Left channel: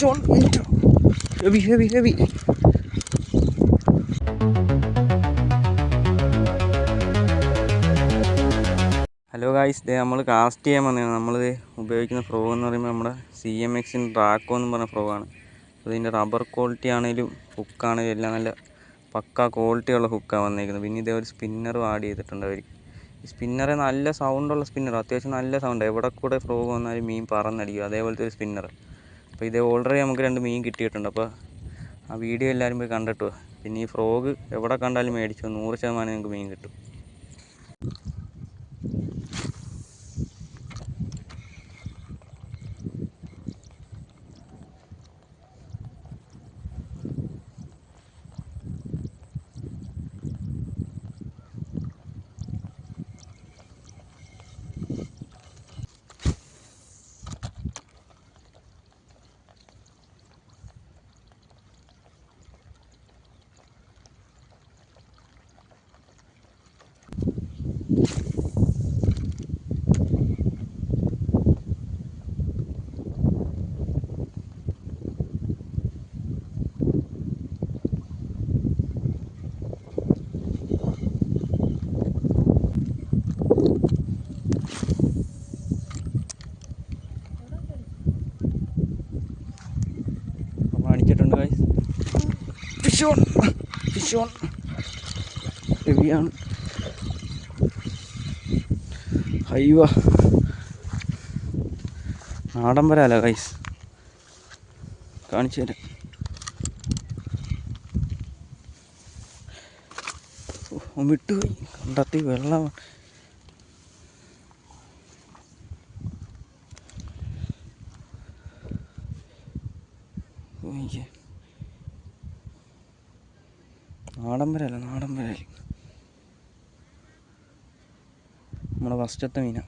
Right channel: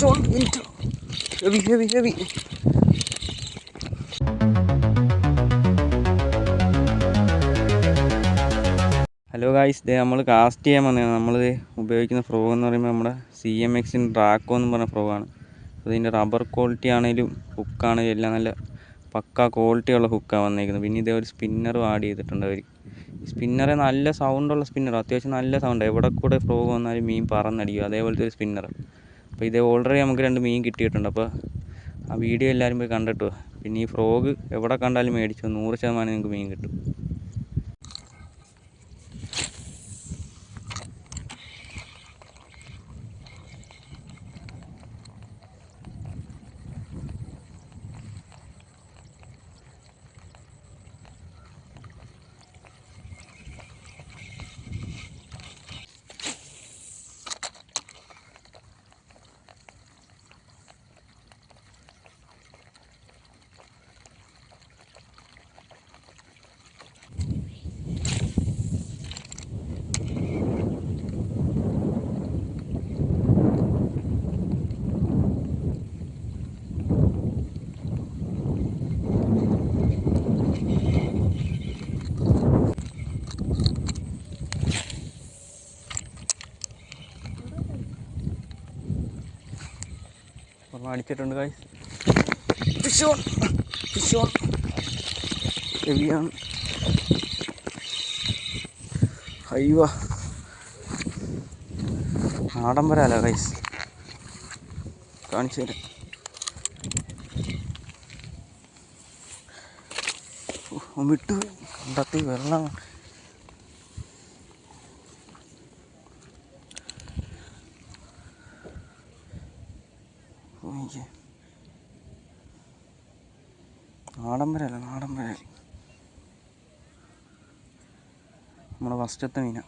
Fish on it. Heavy. Hello guys, നമ്മൾ cast ചെയ്യാൻ വന്നതാണ്. നമ്മൾ ഉപയോഗിക്കുന്ന ഫ്രോ എന്ന് പറയുമ്പോൾ നമ്മുടെ CMXൻ്റെ ഡ്രാക്കോ എന്ന് പറഞ്ഞ ഫ്രോ ആണ്. അതിൻ്റെ റബ്ബർ ക്വാളിറ്റി ആണെങ്കിലും ഹുക്കാണെങ്കിലും എല്ലാം നല്ല പക്ക ക്വാളിറ്റിയുള്ള ഹുക്കാണ് വന്നേക്കുന്നത്. പിന്നെ ഇതേ ഒരു സ്പിന്നറും ആഡ് ചെയ്തിട്ടുണ്ട് അവർ. സ്പിന്നർ നല്ല സൗണ്ടുള്ള സ്പിന്നർ, അത്യാവശ്യം നല്ല സൗണ്ട്. എവിടെ കൂടെ ഫ്രോ വന്നാലും മീൻ പറന്നടിക്കും, അതേപോലത്തെ ഒരു സ്പിന്നർ. അപ്പോൾ ഇത് ഓൾറെഡി നമുക്ക് 2 മീൻ കിട്ടിയിട്ടുണ്ട്. അപ്പോൾ ആ വീഡിയോ എല്ലാവരും പോയി കണ്ടിട്ടു. പിന്നെ ഈ ഫ്രോഗ് എവിടെ കണ്ടാലും മേടിച്ചു, 100% നിങ്ങൾക്ക് മീൻ കിട്ടും. അടിച്ചിട്ടുണ്ട് ഗൈസ്. Fish on ഹെവിയാണ്. അയ്യോ, നാടൻ വരാല ഗൈസ്, കാണിച്ചു തരാം. വിട്ടു കണ്ടത്തി വെള്ളം. നാടൻ വരാല നമ്മുടെ ഫസ്റ്റത്തെ Meena.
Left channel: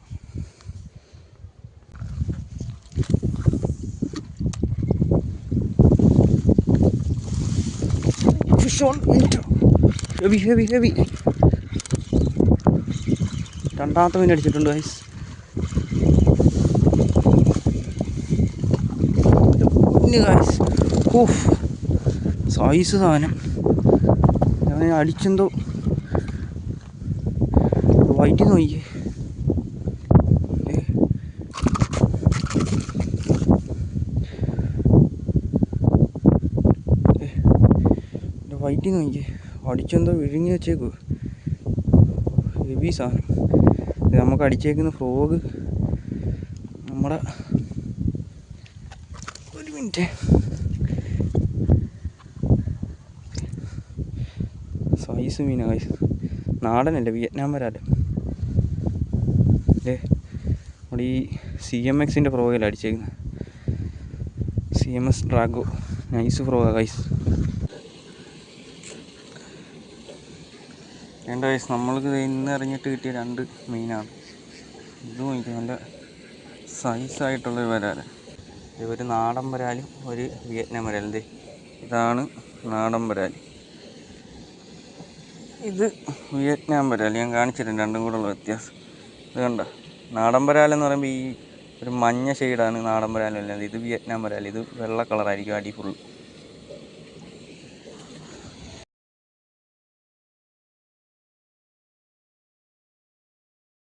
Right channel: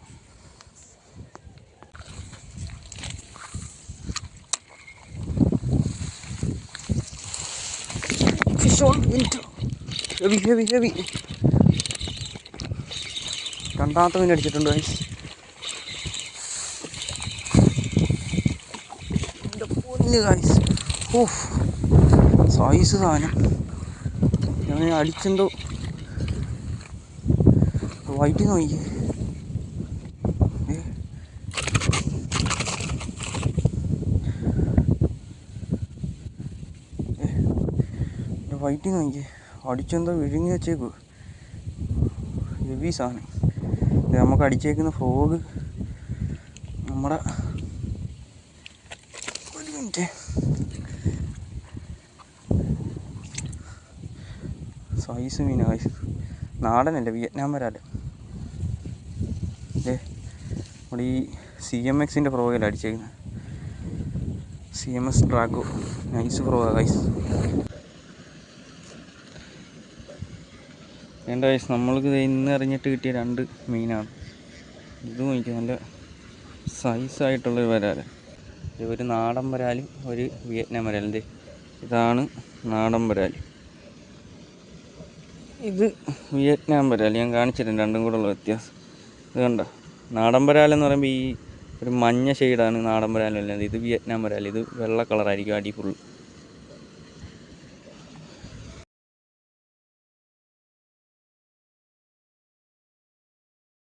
Fish on it. Heavy. രണ്ടാമത്തെ മീൻ അടിച്ചിട്ടുണ്ട് ഗൈസ്. സൈസ് സാധനം ഞാൻ അടിച്ചെന്തോ വൈറ്റ് നോക്കിയേ. വൈറ്റ് നോക്കിയേ, അടിച്ചെന്തോ വിഴുങ്ങി വെച്ചേക്കു. ഹെവി സാധനം. ഇത് നമുക്ക് അടിച്ചേക്കുന്ന ഫ്രോഗ് നമ്മുടെ ഒരു മിനിറ്റ് സൈസ് മീനായി. നാടനല്ല, വിയറ്റ്നാം വരാല്. നമ്മുടെ ഈ CMXൻ്റെ ഫ്രോഗിൽ അടിച്ചേക്കുന്നത്. CMX ഡ്രാഗോ nice ഫ്രോഗാ guys. വേണ്ട ഗൈസ്, നമ്മൾക്ക് ഇന്ന് എറിഞ്ഞിട്ട് കിട്ടിയ 2 മീനാണ്. ഇത് നോക്കി നല്ല സൈസായിട്ടുള്ളൊരു വരാല്. ഒരു നാടൻ വരാലും ഒരു വിയറ്റ്നാം വരാലും. ഇതാണ് നാടൻ വരാൽ, ഇത് വിയറ്റ്നാം വരാൽ. ഞാൻ കാണിച്ചിട്ടുണ്ട് രണ്ടും കൂടെ ഉള്ള വ്യത്യാസം. ഇത് കണ്ട, നാടൻ വരാലെന്ന് പറയുമ്പോൾ ഈ ഒരു മഞ്ഞ ഷെയ്ഡാണ് നാടൻ വരാലല്ലാതെ. ഇത് വിയറ്റ്നാം വരാൽ, ഇത് വെള്ള കളറായിരിക്കും അടി ഫുൾ.